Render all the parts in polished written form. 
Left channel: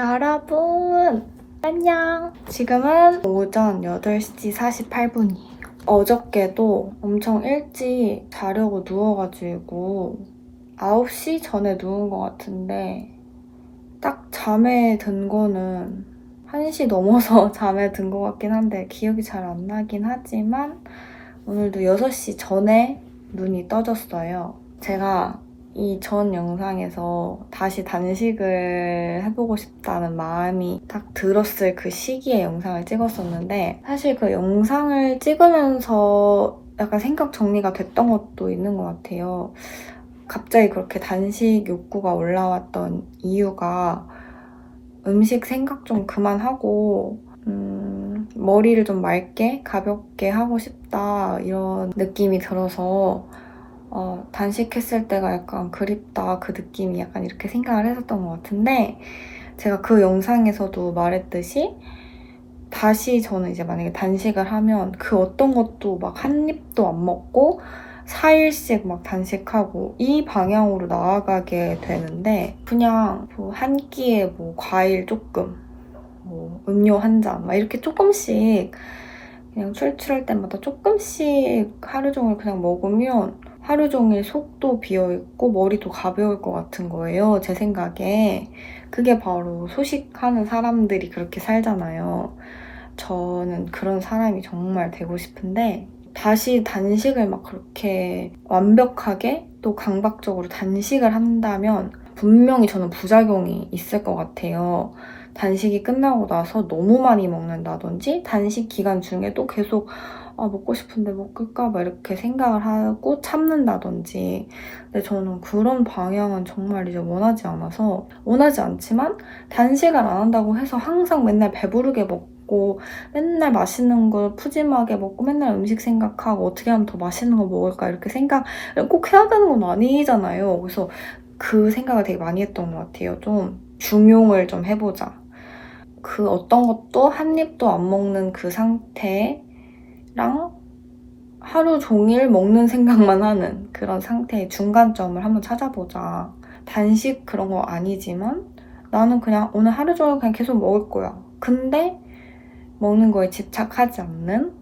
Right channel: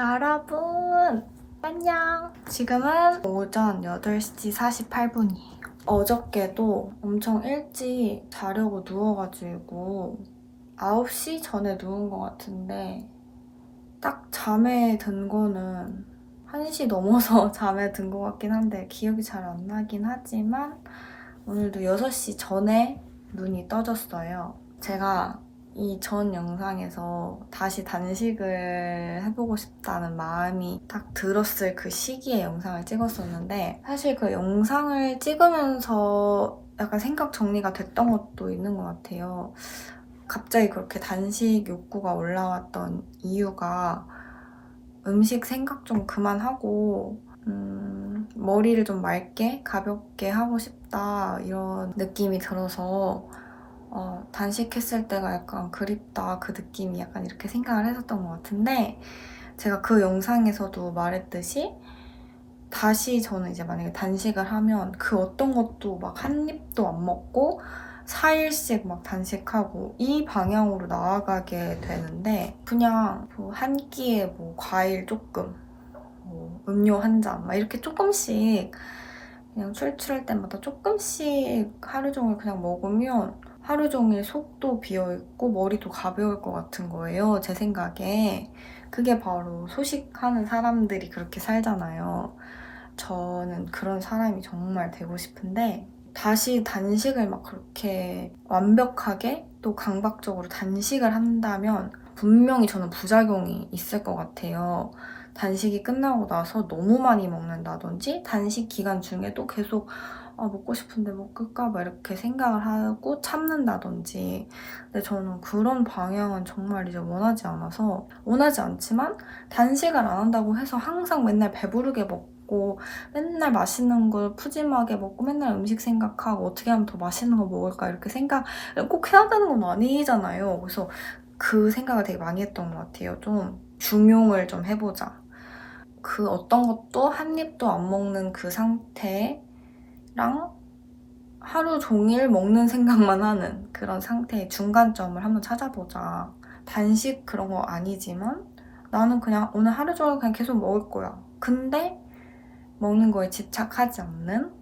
여러분 안녕. 지금은 오전 8시 48분이에요. 어저께도 엄청 일찍 자려고 누워가지고 9시 전에 누운 것 같은데 딱 잠에 든 거는 1시 넘어서 잠에 든 것 같긴 한데 기억이 잘 안 나긴 하지만 오늘도 6시 전에 눈이 떠졌어요. 제가 이 전 영상에서 다시 단식을 해보고 싶다는 마음이 딱 들었을 그 시기에 영상을 찍었었는데 사실 그 영상을 찍으면서 약간 생각 정리가 됐던 것도 있는 것 같아요. 갑자기 그렇게 단식 욕구가 올라왔던 이유가 음식 생각 좀 그만하고 머리를 좀 맑게 가볍게 하고 싶다 이런 느낌이 들어서 단식했을 때가 약간 그립다 그 느낌이 약간 이렇게 생각을 했었던 것 같은데 제가 그 영상에서도 말했듯이 다시 저는 이제 만약에 단식을 하면 그 어떤 것도 막 한 입도 안 먹고 4일씩 막 단식하고 이 방향으로 나아가게 되는데 그냥 뭐 한 끼에 뭐 과일 조금 뭐 음료 한 잔 막 이렇게 조금씩 그냥 출출할 때마다 조금씩 하루 종일 그냥 먹으면 하루 종일 속도 비어있고 머리도 가벼울 것 같은 거예요. 제 생각에. 그게 바로 소식하는 사람들이 그렇게 살잖아요. 저는 그런 사람이 정말 되고 싶은데 다시 단식을 막 그렇게 완벽하게 또 강박적으로 단식을 한다면 분명히 저는 부작용이 있을 것 같아요. 단식이 끝나고 나서 너무 많이 먹는다든지 단식 기간 중에도 계속 먹고 싶은데 먹을까 막 이렇게 생각을 하고 참는다든지 근데 저는 그런 방향은 정말 이제 원하지 않지만 단식을 안 한다고 해서 항상 맨날 배부르게 먹고 맨날 맛있는 걸 푸짐하게 먹고 맨날 음식 생각하고 어떻게 하면 더 맛있는 거 먹을까 이렇게 생각을 꼭 해야 되는 건 아니잖아요. 그래서 그 생각을 되게 많이 했던 것 같아요. 좀 중용을 좀 해보자. 그 어떤 것도 한 입도 안 먹는 그 상태랑 하루 종일 먹는 생각만 하는 그런 상태의 중간점을 한번 찾아보자. 단식 그런 거 아니지만 나는 그냥 오늘 하루 종일 그냥 계속 먹을 거야. 근데 먹는 거에 집착하지 않는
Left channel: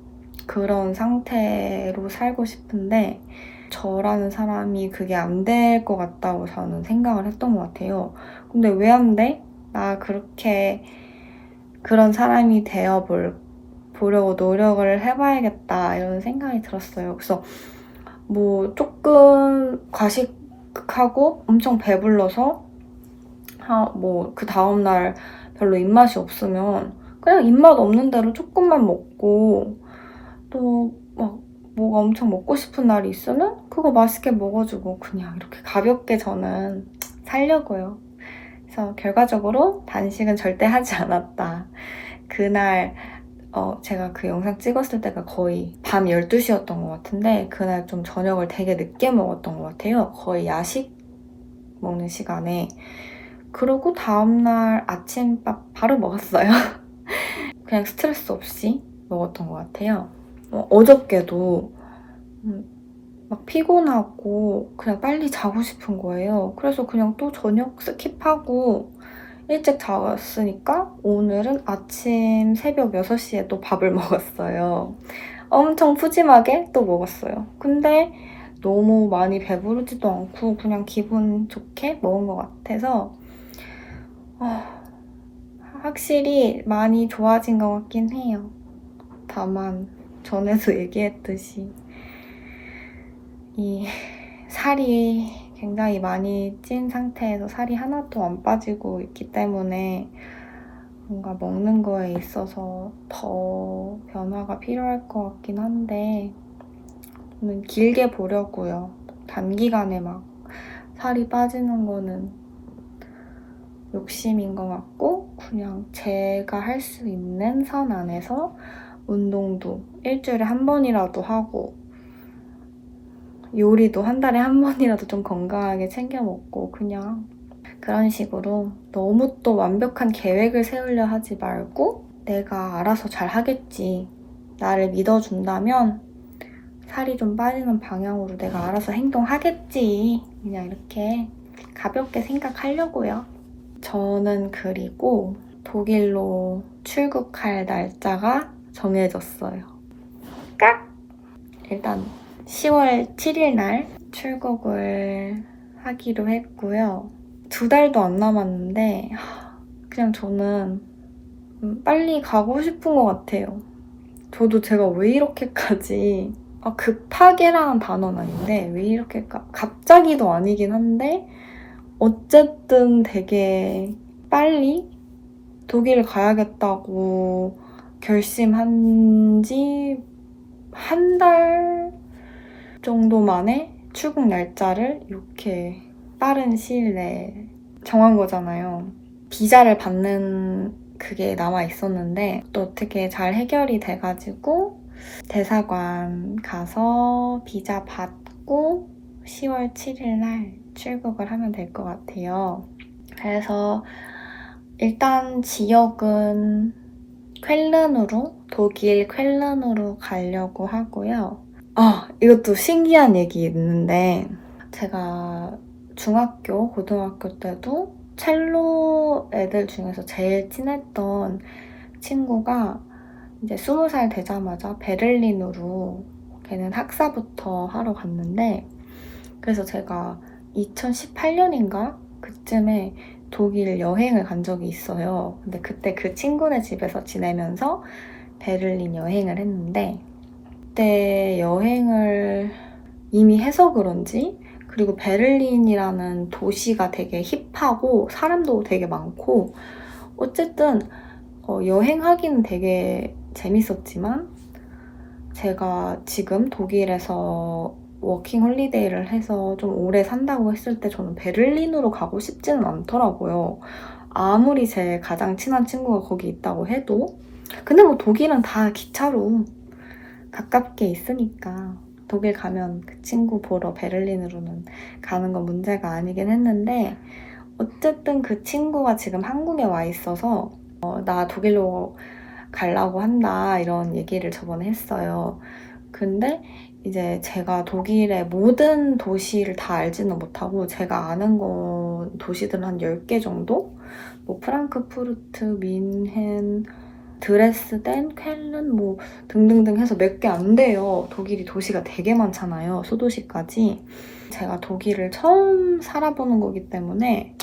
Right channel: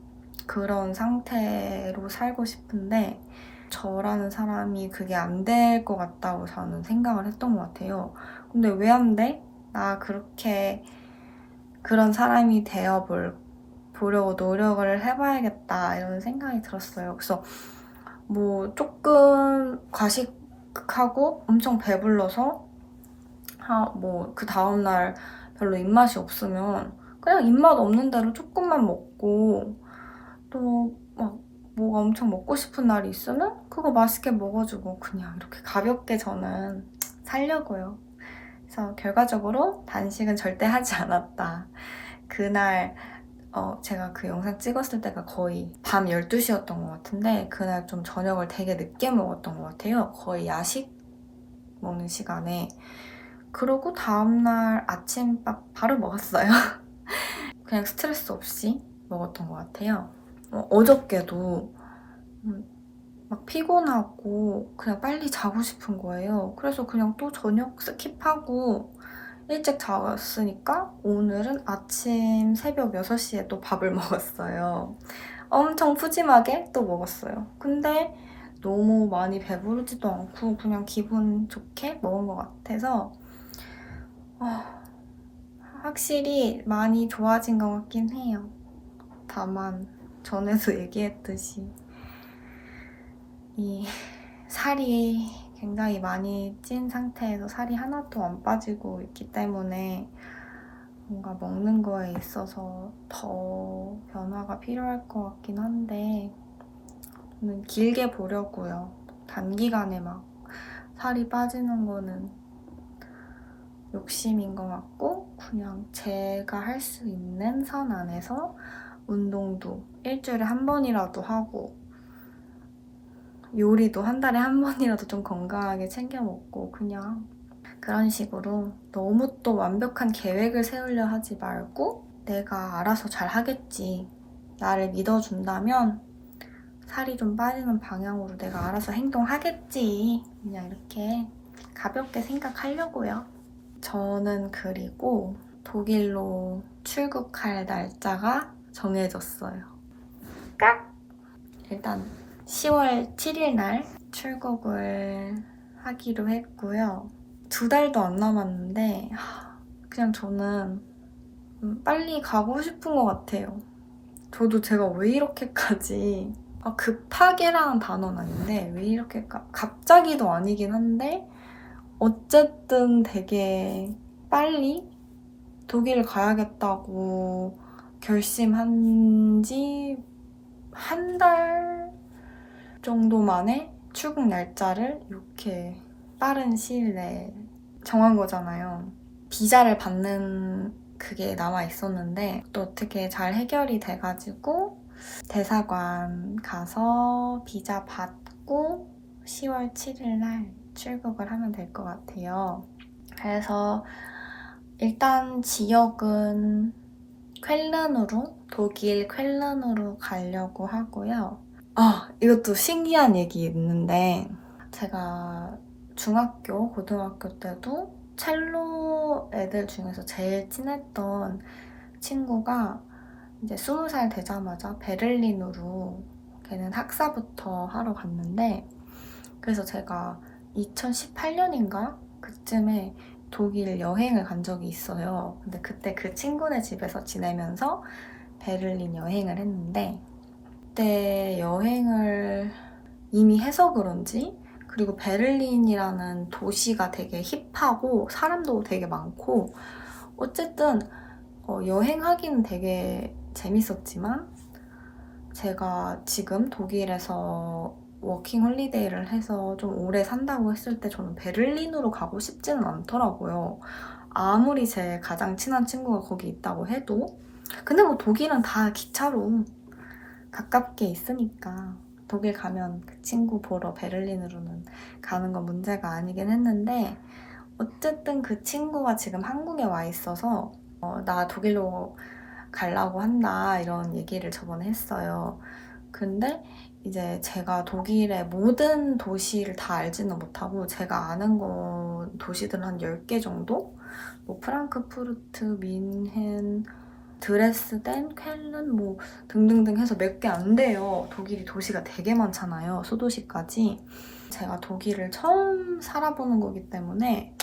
그런 상태로 살고 싶은데 저라는 사람이 그게 안 될 것 같다고 저는 생각을 했던 것 같아요. 근데 왜 안 돼? 나 그렇게 그런 사람이 보려고 노력을 해봐야겠다 이런 생각이 들었어요. 그래서 뭐 조금 과식하고 엄청 배불러서 뭐 그 다음날 별로 입맛이 없으면 그냥 입맛 없는 대로 조금만 먹고 또 막 뭐가 엄청 먹고 싶은 날이 있으면 그거 맛있게 먹어주고 그냥 이렇게 가볍게 저는 살려고요. 그래서 결과적으로 단식은 절대 하지 않았다. 그날 제가 그 영상 찍었을 때가 거의 밤 12시였던 것 같은데 그날 좀 저녁을 되게 늦게 먹었던 것 같아요. 거의 야식 먹는 시간에. 그리고 다음날 아침밥 바로 먹었어요. 그냥 스트레스 없이 먹었던 것 같아요. 어저께도 막 피곤하고 그냥 빨리 자고 싶은 거예요. 그래서 그냥 또 저녁 스킵하고 일찍 잤으니까 오늘은 아침 새벽 6시에 또 밥을 먹었어요. 엄청 푸짐하게 또 먹었어요. 근데 너무 많이 배부르지도 않고 그냥 기분 좋게 먹은 것 같아서 확실히 많이 좋아진 것 같긴 해요. 다만 전에도 얘기했듯이 이 살이 굉장히 많이 찐 상태에서 살이 하나도 안 빠지고 있기 때문에 뭔가 먹는 거에 있어서 더 변화가 필요할 것 같긴 한데 저는 길게 보려고요. 단기간에 막 살이 빠지는 거는 욕심인 것 같고 그냥 제가 할 수 있는 선 안에서 운동도 일주일에 한 번이라도 하고 요리도 한 달에 한 번이라도 좀 건강하게 챙겨 먹고 그냥 그런 식으로 너무 또 완벽한 계획을 세우려 하지 말고 내가 알아서 잘 하겠지. 나를 믿어준다면 살이 좀 빠지는 방향으로 내가 알아서 행동하겠지. 그냥 이렇게 가볍게 생각하려고요. 저는 그리고 독일로 출국할 날짜가 정해졌어요. 깍! 일단 10월 7일 날 출국을 하기로 했고요. 2달도 안 남았는데 그냥 저는 빨리 가고 싶은 것 같아요. 저도 제가 왜 이렇게까지 급하게라는 단어는 아닌데 왜 이렇게 갑자기도 아니긴 한데 어쨌든 되게 빨리 독일 가야겠다고 결심한 지 한 달 정도 만에 출국 날짜를 이렇게 빠른 시일 내에 정한 거잖아요. 비자를 받는 그게 남아 있었는데 또 어떻게 잘 해결이 돼가지고 대사관 가서 비자 받고 10월 7일 날 출국을 하면 될 것 같아요. 그래서 일단 지역은 쾰른으로, 독일 쾰른으로 가려고 하고요. 이것도 신기한 얘기 있는데 제가 중학교, 고등학교 때도 첼로 애들 중에서 제일 친했던 친구가 이제 20살 되자마자 베를린으로 걔는 학사부터 하러 갔는데 그래서 제가 2018년인가 그쯤에 독일 여행을 간 적이 있어요. 근데 그때 그 친구네 집에서 지내면서 베를린 여행을 했는데 그때 여행을 이미 해서 그런지 그리고 베를린이라는 도시가 되게 힙하고 사람도 되게 많고 어쨌든 여행하기는 되게 재밌었지만 제가 지금 독일에서 워킹 홀리데이를 해서 좀 오래 산다고 했을 때 저는 베를린으로 가고 싶지는 않더라고요. 아무리 제 가장 친한 친구가 거기 있다고 해도 근데 뭐 독일은 다 기차로 가깝게 있으니까 독일 가면 그 친구 보러 베를린으로는 가는 건 문제가 아니긴 했는데 어쨌든 그 친구가 지금 한국에 와 있어서 나 독일로 가려고 한다 이런 얘기를 저번에 했어요. 근데 이제 제가 독일의 모든 도시를 다 알지는 못하고 제가 아는 도시들은 한 10개 정도? 뭐 프랑크푸르트, 민헨, 드레스덴, 쾰른 뭐 등등등 해서 몇 개 안 돼요. 독일이 도시가 되게 많잖아요. 소도시까지. 제가 독일을 처음 살아보는 거기 때문에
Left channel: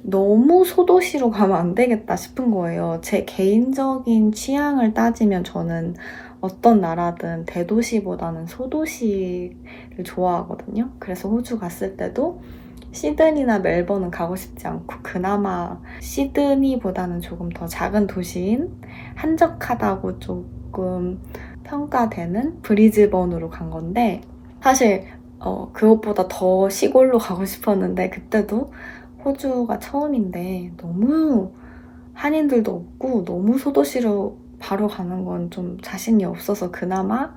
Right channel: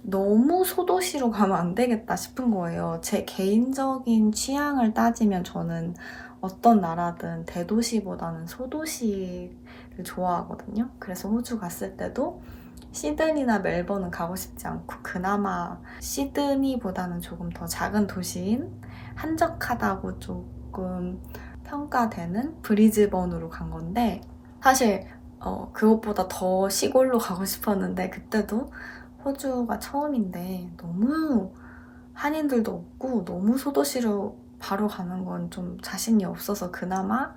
너무 소도시로 가면 안 되겠다 싶은 거예요. 제 개인적인 취향을 따지면 저는 어떤 나라든 대도시보다는 소도시를 좋아하거든요. 그래서 호주 갔을 때도 시드니나 멜버른 가고 싶지 않고 그나마 시드니보다는 조금 더 작은 도시인 한적하다고 조금 평가되는 브리즈번으로 간 건데 사실 그것보다 더 시골로 가고 싶었는데 그때도 호주가 처음인데 너무 한인들도 없고 너무 소도시로 바로 가는 건 좀 자신이 없어서 그나마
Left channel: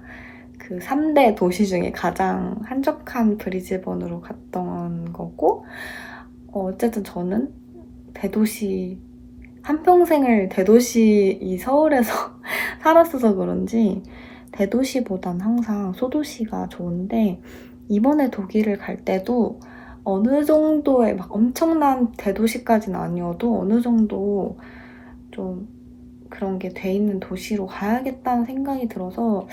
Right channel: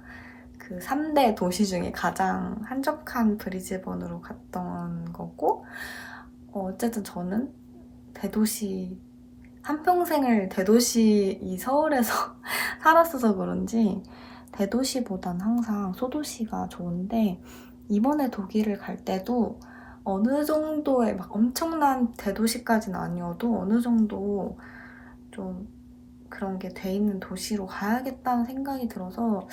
그 3대 도시 중에 가장 한적한 브리즈번으로 갔던 거고 어쨌든 저는 대도시 한평생을 대도시 이 서울에서 살았어서 그런지 대도시보단 항상 소도시가 좋은데 이번에 독일을 갈 때도 어느 정도의 막 엄청난 대도시까지는 아니어도 어느 정도 좀 그런 게 돼 있는 도시로 가야겠다는 생각이 들어서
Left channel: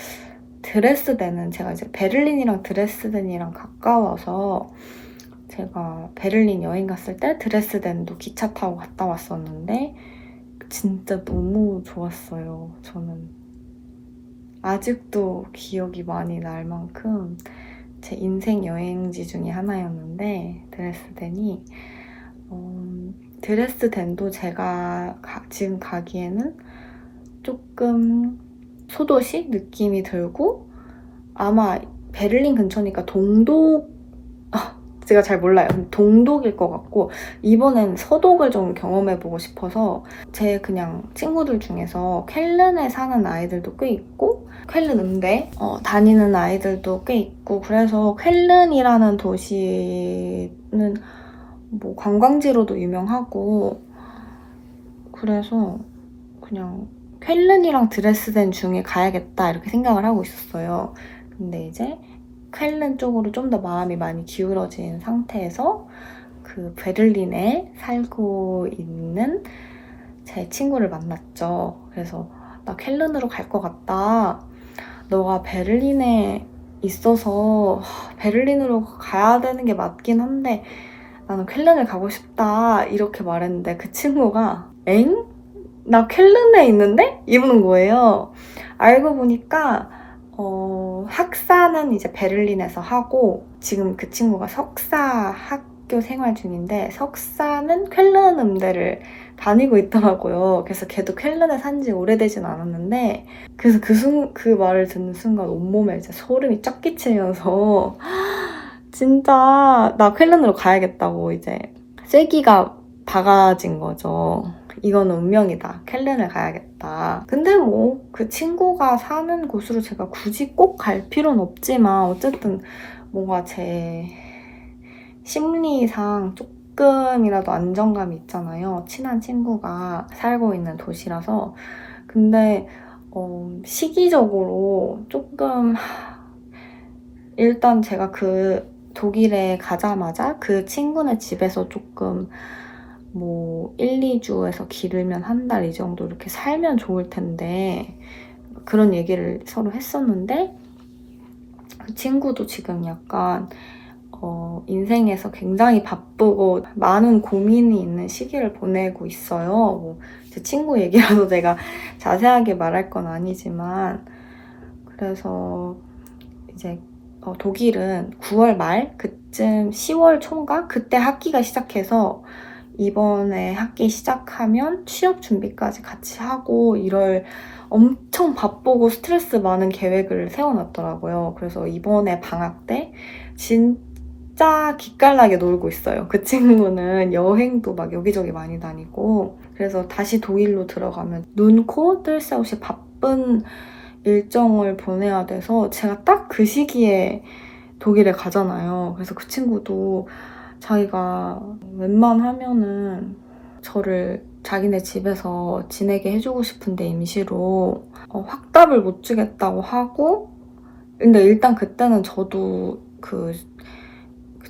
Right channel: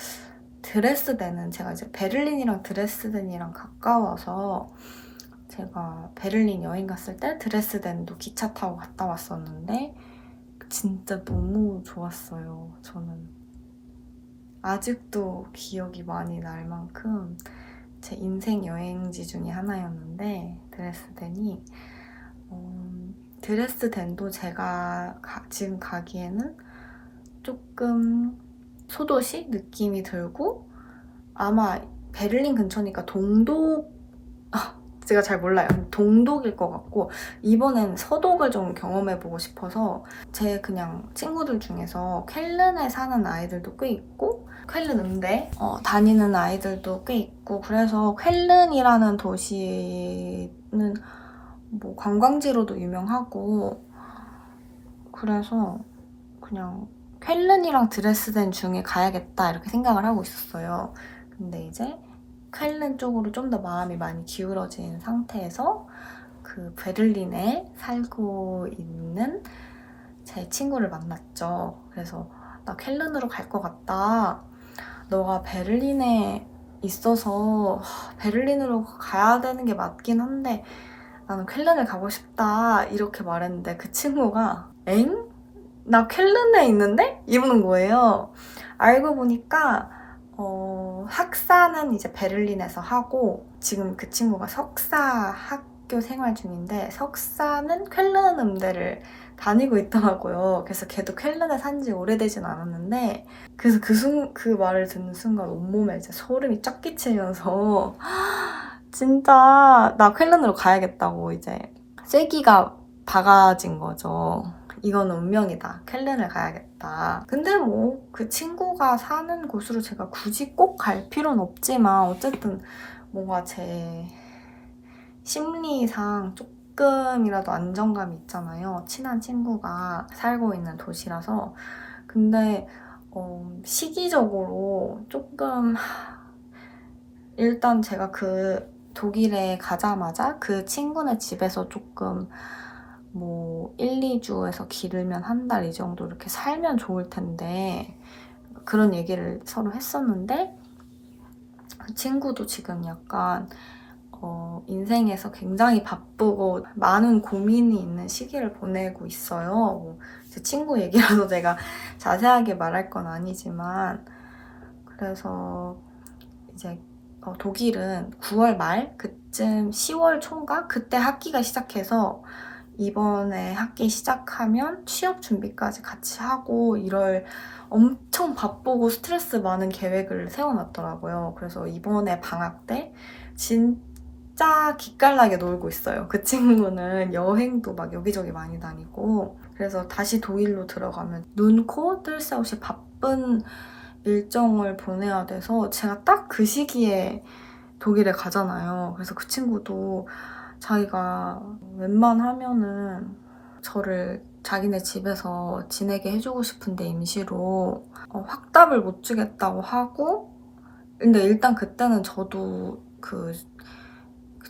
드레스덴은 제가 이제 베를린이랑 드레스덴이랑 가까워서 제가 베를린 여행 갔을 때 드레스덴도 기차 타고 갔다 왔었는데 진짜 너무 좋았어요. 저는 아직도 기억이 많이 날 만큼 제 인생 여행지 중에 하나였는데 드레스덴이 드레스덴도 제가 지금 가기에는 조금 소도시 느낌이 들고 아마 베를린 근처니까 제가 잘 몰라요. 동독일 것 같고 이번엔 서독을 좀 경험해보고 싶어서 제 그냥 친구들 중에서 쾰른에 사는 아이들도 꽤 있고 쾰른 음대 다니는 아이들도 꽤 있고 그래서 쾰른이라는 도시는 뭐 관광지로도 유명하고 그래서 그냥 쾰른이랑 드레스덴 중에 가야겠다 이렇게 생각을 하고 있었어요. 근데 이제 쾰른 쪽으로 좀 더 마음이 많이 기울어진 상태에서 그 베를린에 살고 있는 제 친구를 만났죠. 그래서 나 쾰른으로 갈 것 같다. 너가 베를린에 있어서 베를린으로 가야 되는 게 맞긴 한데 나는 쾰른을 가고 싶다 이렇게 말했는데 그 친구가 엥? 나 쾰른에 있는데? 이러는 거예요. 알고 보니까 학사는 이제 베를린에서 하고 지금 그 친구가 석사 학교 생활 중인데 석사는 쾰른 음대를 다니고 있더라고요. 그래서 걔도 쾰른에 산 지 오래되진 않았는데 그래서 그 말을 듣는 순간 온몸에 이제 소름이 쫙 끼치면서 진짜 나 쾰른으로 가야겠다고 이제 쐐기가 박아진 거죠. 이건 운명이다. 쾰른을 가야겠다. 근데 뭐 그 친구가 사는 곳으로 제가 굳이 꼭 갈 필요는 없지만 어쨌든 뭔가 제 심리상 조금이라도 안정감이 있잖아요. 친한 친구가 살고 있는 도시라서. 근데 시기적으로 조금 일단 제가 그 독일에 가자마자 그 친구네 집에서 조금 뭐 1, 2주에서 길으면 한 달 이 정도 이렇게 살면 좋을 텐데 그런 얘기를 서로 했었는데 그 친구도 지금 약간 인생에서 굉장히 바쁘고 많은 고민이 있는 시기를 보내고 있어요. 뭐 제 친구 얘기라서 제가 자세하게 말할 건 아니지만 그래서 이제 독일은 9월 말 그쯤 10월 초인가 그때 학기가 시작해서 이번에 학기 시작하면 취업 준비까지 같이 하고 이럴 엄청 바쁘고 스트레스 많은 계획을 세워놨더라고요. 그래서 이번에 방학 때 진짜 기깔나게 놀고 있어요. 그 친구는 여행도 막 여기저기 많이 다니고 그래서 다시 독일로 들어가면 눈, 코, 뜰 새 없이 바쁜 일정을 보내야 돼서 제가 딱 그 시기에 독일에 가잖아요. 그래서 그 친구도 자기가 웬만하면은 저를 자기네 집에서 지내게 해주고 싶은데 임시로 확답을 못 주겠다고 하고 근데 일단 그때는 저도 그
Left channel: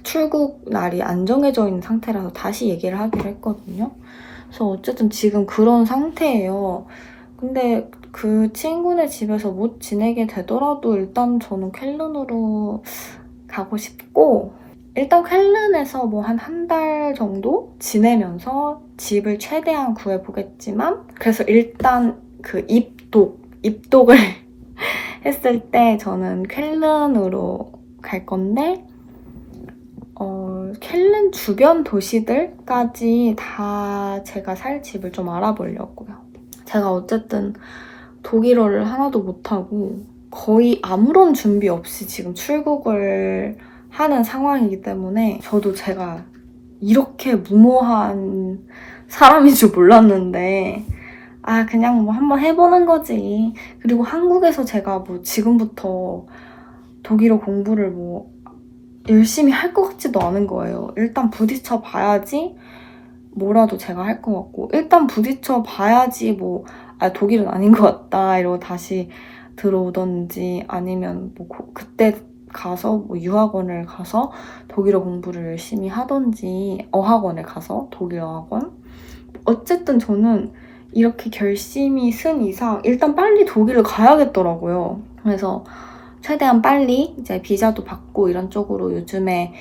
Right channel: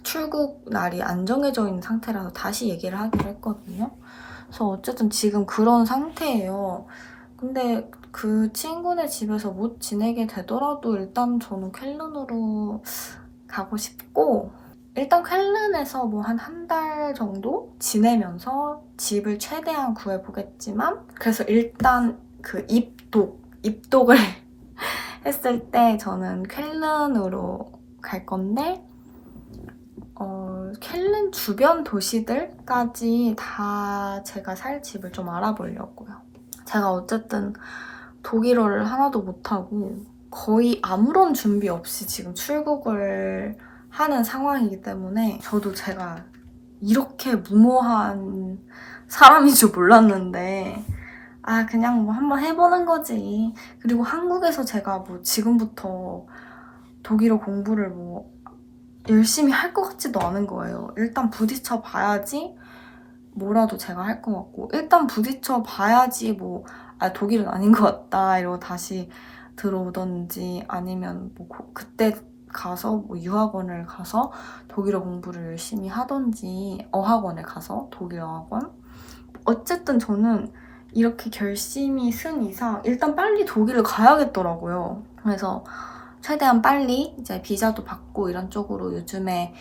출국 날이 안 정해져 있는 상태라서 다시 얘기를 하기로 했거든요. 그래서 어쨌든 지금 그런 상태예요. 근데 그 친구네 집에서 못 지내게 되더라도 일단 저는 쾰른으로 가고 싶고 일단 쾰른에서 뭐 한 달 정도 지내면서 집을 최대한 구해보겠지만 그래서 일단 그 입독을 했을 때 저는 쾰른으로 갈 건데 쾰른 주변 도시들까지 다 제가 살 집을 좀 알아보려고요. 제가 어쨌든 독일어를 하나도 못하고 거의 아무런 준비 없이 지금 출국을 하는 상황이기 때문에 저도 제가 이렇게 무모한 사람인 줄 몰랐는데 그냥 뭐 한번 해보는 거지. 그리고 한국에서 제가 뭐 지금부터 독일어 공부를 뭐 열심히 할 것 같지도 않은 거예요. 일단 부딪혀 봐야지 뭐라도 제가 할 것 같고 일단 부딪혀 봐야지 뭐 독일은 아닌 것 같다 이러고 다시 들어오던지 아니면 뭐 그때 가서 뭐 유학원을 가서 독일어 공부를 열심히 하던지 어학원을 가서 독일어 학원 어쨌든 저는 이렇게 결심이 쓴 이상 일단 빨리 독일을 가야겠더라고요. 그래서 최대한 빨리 이제 비자도 받고 이런 쪽으로 요즘에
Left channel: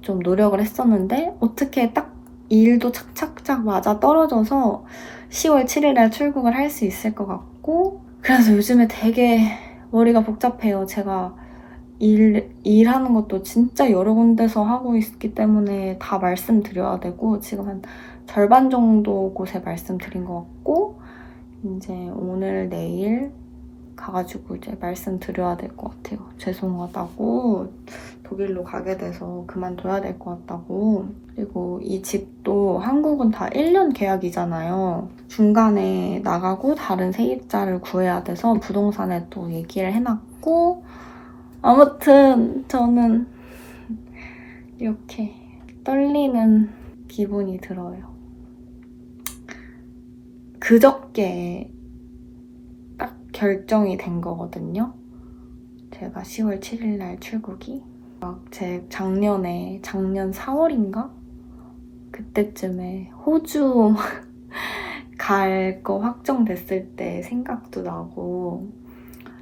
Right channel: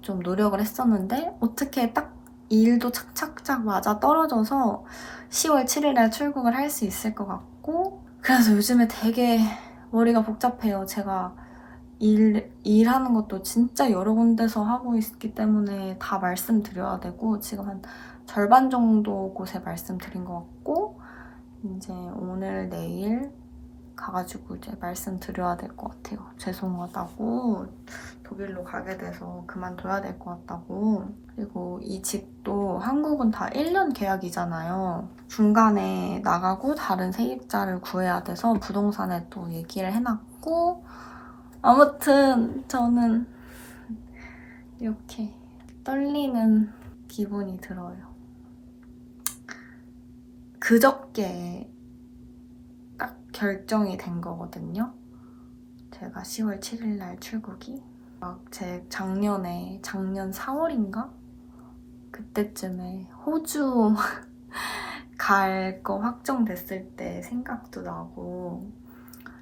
좀 노력을 했었는데 어떻게 딱 일도 착착착 맞아 떨어져서 10월 7일에 출국을 할 수 있을 것 같고 그래서 요즘에 되게 머리가 복잡해요. 제가 일하는 것도 진짜 여러 군데서 하고 있기 때문에 다 말씀드려야 되고 지금 한 절반 정도 곳에 말씀드린 것 같고 이제 오늘 내일 가가지고 이제 말씀드려야 될 것 같아요. 죄송하다고 독일로 가게 돼서 그만둬야 될 것 같다고. 그리고 이 집도 한국은 다 1년 계약이잖아요. 중간에 나가고 다른 세입자를 구해야 돼서 부동산에 또 얘기를 해놨고 아무튼 저는 이렇게 떨리는 기분이 들어요. 그저께 딱 결정이 된 거거든요. 제가 10월 7일 날 출국이 제 작년 4월인가? 그때쯤에 호주 갈 거 확정됐을 때 생각도 나고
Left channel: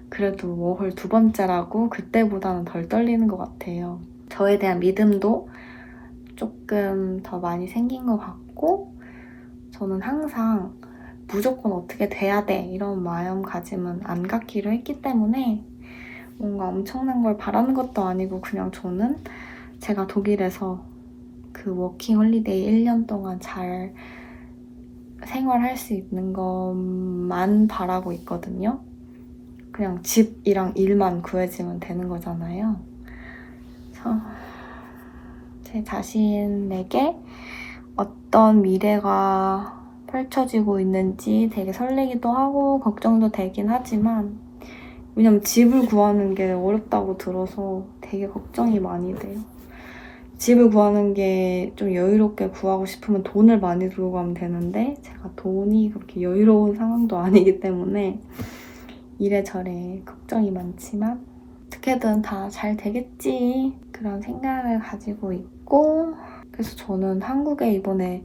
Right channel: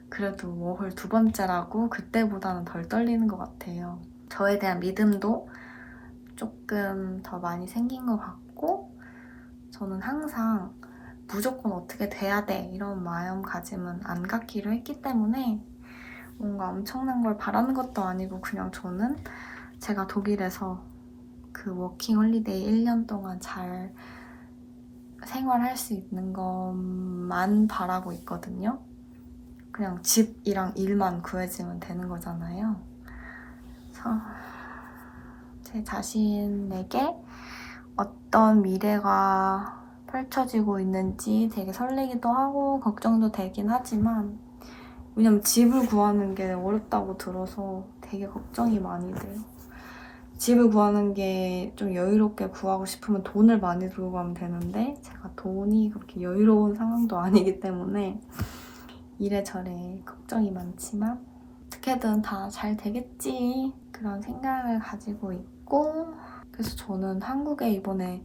그래도 워홀 2번째라고 그때보다는 덜 떨리는 것 같아요. 저에 대한 믿음도 조금 더 많이 생긴 것 같고 저는 항상 무조건 어떻게 돼야 돼 이런 마음가짐은 안 갖기로 했기 때문에 뭔가 엄청난 걸 바라는 것도 아니고 그냥 저는 제가 독일에서 그 워킹 홀리데이 1년 동안 잘 생활할 수 있는 것만 바라고 있거든요. 그냥 집이랑 일만 구해지면 되는 거잖아요. 그래서 제 자신에게 어떤 미래가 펼쳐지고 있는지 되게 설레기도 하고 걱정도 되긴 하지만 왜냐면 집을 구하는 게 어렵다고 들어서 되게 걱정이 많이 돼요. 집을 구하는 게 좀 여유롭게 구하고 싶으면 돈을 많이 들고 가면 되는데 제가 돈이 그렇게 여유로운 상황도 아니기 때문에 이래저래 걱정이 많지만 어떻게든 다 잘 되겠지 그런 생각을 가지고 있고 그래서 저는 한국에 이번에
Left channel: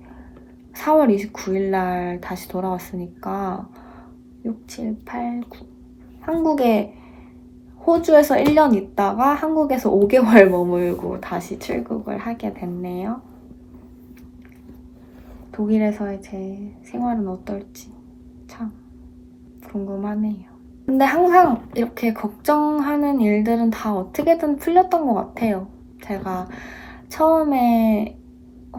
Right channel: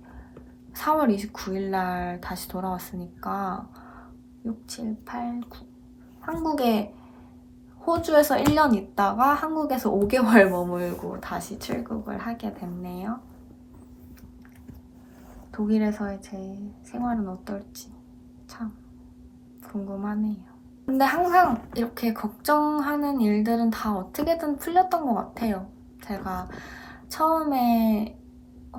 4월 29일 날 다시 돌아왔으니까 6, 7, 8, 9 한국에 호주에서 1년 있다가 한국에서 5개월 머물고 다시 출국을 하게 됐네요. 독일에서의 제 생활은 어떨지 참 궁금하네요. 근데 항상 이렇게 걱정하는 일들은 다 어떻게든 풀렸던 것 같아요. 제가 처음에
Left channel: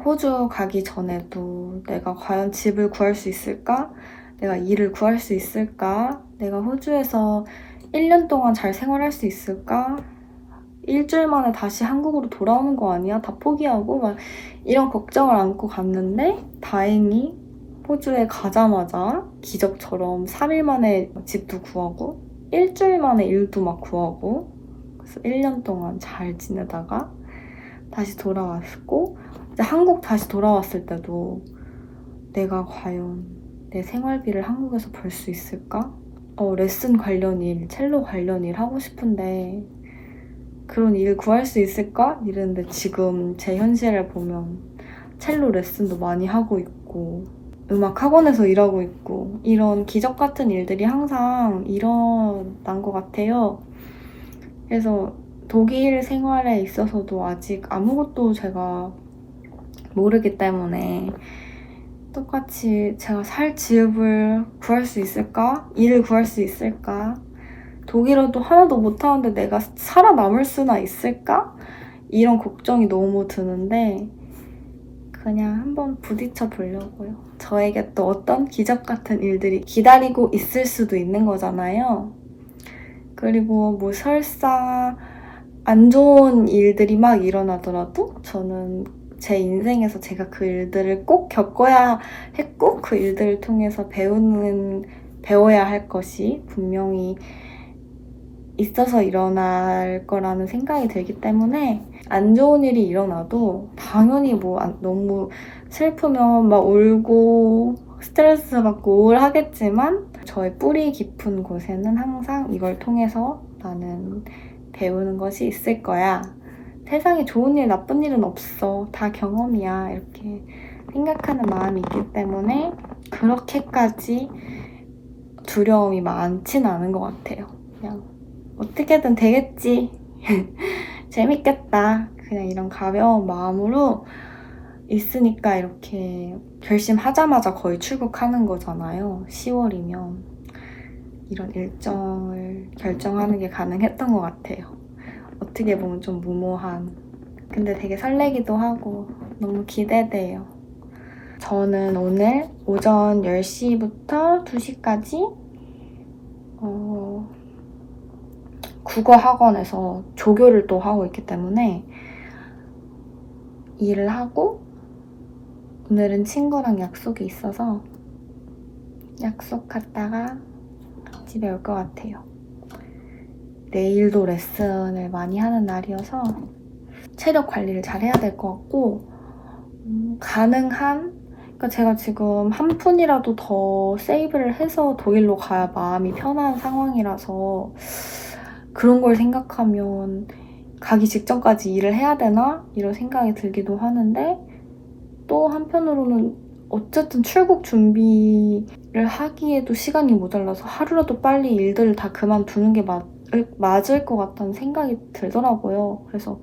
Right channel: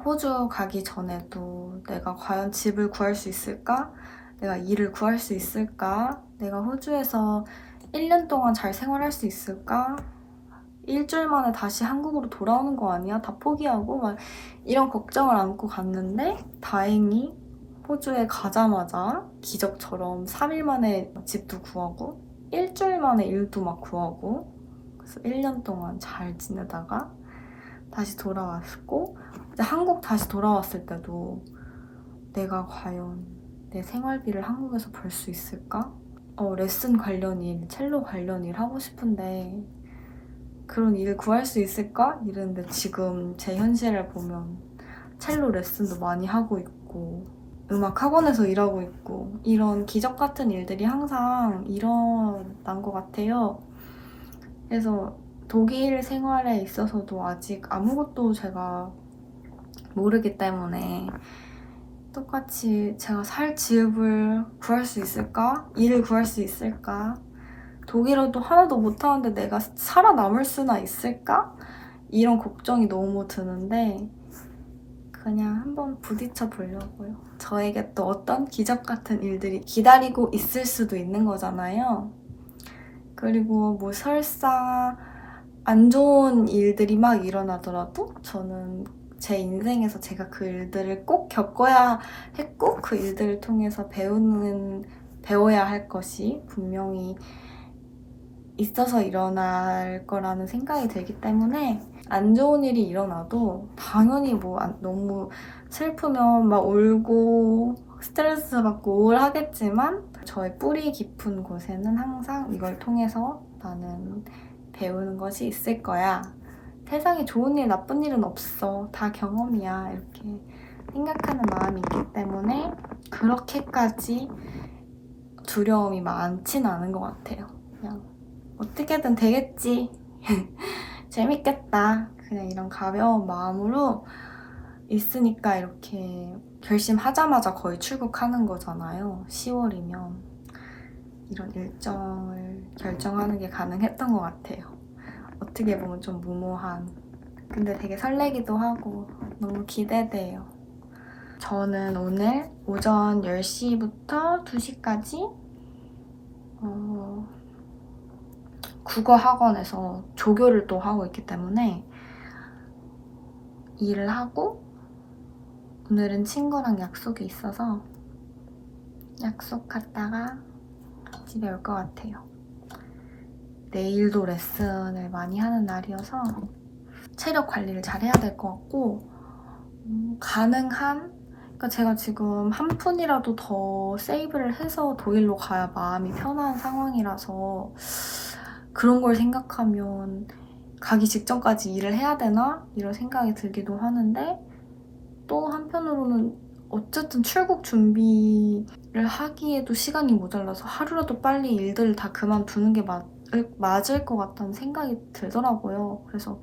호주 가기 전에도 내가 과연 집을 구할 수 있을까? 내가 일을 구할 수 있을까? 내가 호주에서 1년 동안 잘 생활할 수 있을까? 일주일 만에 다시 한국으로 돌아오는 거 아니야? 다 포기하고 막 이런 걱정을 안고 갔는데 다행히 호주에 가자마자 기적처럼 3일 만에 집도 구하고 일주일 만에 일도 막 구하고 그래서 1년 동안 잘 지내다가 다시 돌아왔고 이제 한국 다시 돌아왔을 때도 내가 과연 내 생활비를 한국에서 벌 수 있을까? 레슨 관련 일, 첼로 관련 일 하고 싶은데 그런 일 구할 수 있을까? 이랬는데 지금 제 현실을 보면 첼로 레슨도 많이 하고 있고 음악 학원에서 일하고 있고 이런 기적 같은 일들이 항상 일어난 것 같아요. 그래서 독일 생활에 있어서도 아직 아무것도 제가 모르기 때문에 똑같이 제가 살 집을 구할 수 있을까? 일을 구할 수 있을까? 독일어도 하나도 못하는데 내가 살아남을 수나 있을까? 이런 걱정이 너무 드는데 그냥 한번 부딪혀 보려고요. 저에게 또 어떤 기적 같은 일들이 기다리고 있을 수도 있는 거잖아요. 그리고 뭐 설사 안 좋은 일들이 막 일어나더라도 저는 제 인생에서 제가 그 일들을 꼭 겪어야 했고 그 일들을 통해서 배워야 할 것이 분명히 있어서 일어날 거라는 생각이 들기 때문에 안 좋은 일이 일어나도 당연히 뭐 너무 슬프면 막 울고 스트레스 받고 우울하겠지만 저의 뿌리 깊은 곳에는 항상 이걸 통해서 나는 배우는 것이 있을 거야. 세상에 좋은 일, 나쁜 일은 없어. 다 경험이야. 이렇게 생각하는 마음이 있기 때문에 그렇게까지 두려움이 많진 않은 것 같아요. 그냥 어떻게든 되겠지. 재밌겠다. 그냥 이런 가벼운 마음으로 있으니까 이렇게 결심하자마자 거의 출국하는 거잖아요. 10월이면. 이런 일정을 결정하는 게 가능했던 것 같아요. 어떻게 보면 좀 무모한. 근데 되게 설레기도 하고 너무 기대돼요. 저는 오늘 오전 10시부터 2시까지 국어 학원에서 조교를 또 하고 있기 때문에 일을 하고 오늘은 친구랑 약속이 있어서 약속 갔다가 집에 올 것 같아요. 내일도 레슨을 많이 하는 날이어서 체력 관리를 잘 해야 될 것 같고 그러니까 제가 지금 한 푼이라도 더 세이브를 해서 독일로 가야 마음이 편한 상황이라서 그런 걸 생각하면 가기 직전까지 일을 해야 되나? 이런 생각이 들기도 하는데 또 한편으로는 어쨌든 출국 준비를 하기에도 시간이 모자라서 하루라도 빨리 일들을 다 그만두는 게 맞을 것 같다는 생각이 들더라고요. 그래서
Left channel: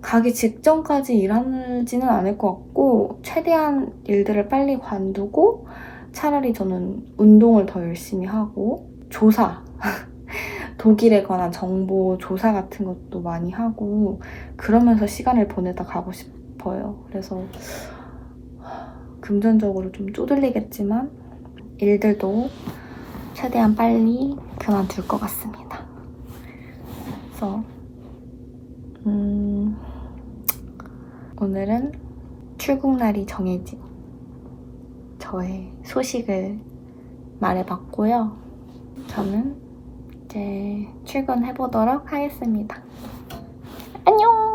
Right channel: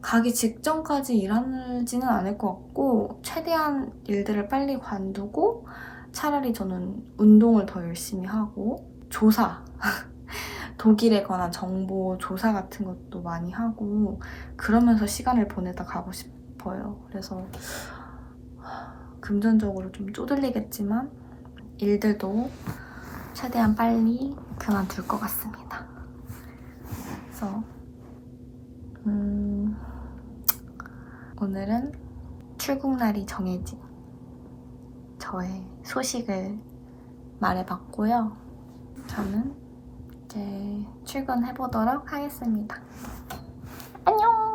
가기 직전까지 일하지는 않을 것 같고 최대한 일들을 빨리 관두고 차라리 저는 운동을 더 열심히 하고 조사 독일에 관한 정보 조사 같은 것도 많이 하고 그러면서 시간을 보내다 가고 싶어요. 그래서 금전적으로 좀 쪼들리겠지만 일들도 최대한 빨리 그만둘 것 같습니다. 그래서 오늘은 출국날이 정해진 저의 소식을 말해봤고요. 저는 이제 출근해보도록 하겠습니다. 안녕!